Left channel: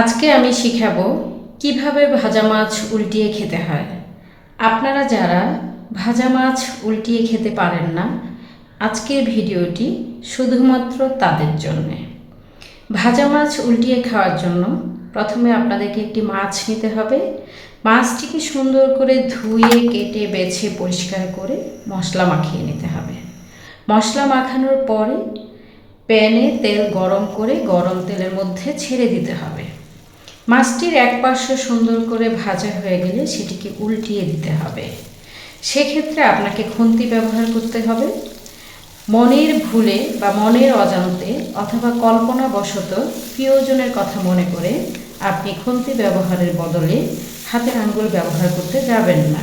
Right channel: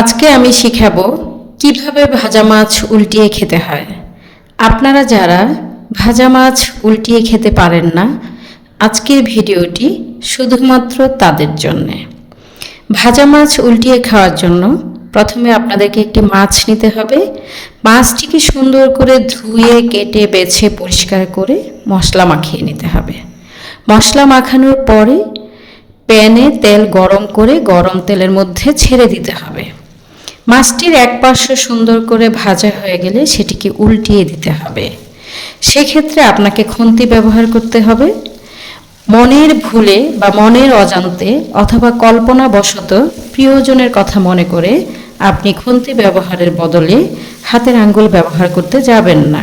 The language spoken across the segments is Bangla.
আজকে আমি শিখাবো কীভাবে ভাজা মাছ উল্টিয়ে খেতে হয়। আপনারা যারা ভাজা মাছ উল্টিয়ে খেতে পারেন না, আজকের ভিডিওটি শুধুমাত্র তাদের জন্যে। ভাজা মাছ উল্টিয়ে খাওয়ার জন্য প্রথমে আপনাদেরকে একটি মাছ নিতে হবে। মাছটিকে সুন্দর করে ধুয়ে, কেটে, বেছে, পরিষ্কার করে মশলা মাখিয়ে নিতে হবে। মশলা মাখানোর পরে প্যানে তেল গরম করে গরম তেলের মধ্যে ছেড়ে দিতে হবে। মাছটির এক পার্শ্ব সুন্দর করে ভাজা হয়ে গেলে সেটিকে উল্টিয়ে দিতে হবে। সেক্ষেত্রে আপনাকে খুন্তি ব্যবহার করতে হবে। মনের ভুলে বা মনের অজান্তে অথবা কল্পনাবশত প্রিয়জনের কথা মনে করে আপনি খুন্তি ব্যবহারের বদলে হাতের আঙ্গুল ব্যবহার করতে যাবেন না।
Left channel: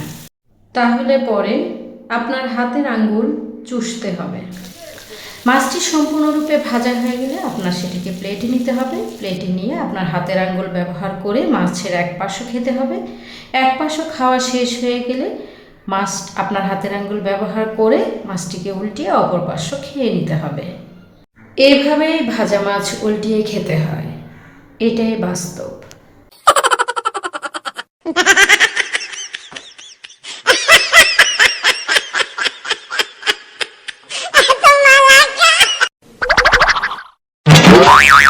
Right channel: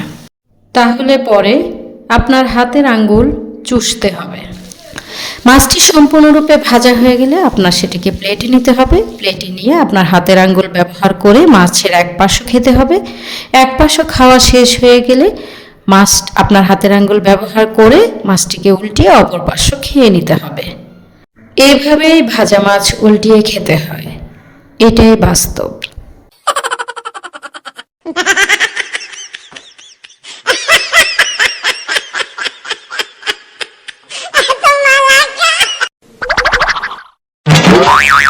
তাহলে পরে আপনার হাতের আঙ্গুল চুষতে হবে। মাছটি সম্পূর্ণরূপে ভাজা হয়ে গেলে আপনার সেটিকে প্লেটে নিতে হবে। প্লেটে নিয়ে আপনার হাতের আঙ্গুল ব্যবহার করে মাছের এক পাশও খেতে হবে। এক পাশও খাওয়া শেষ হয়ে গেলে মাছ আপনার হাতের আঙ্গুল ব্যবহার করে মাছটিকে উল্টিয়ে অপর পার্শ্ব খেয়ে নিতে হবে। এভাবেই ভাজা মাছ উল্টিয়ে খেতে হয়। এটাই বাস্তব। Yeah.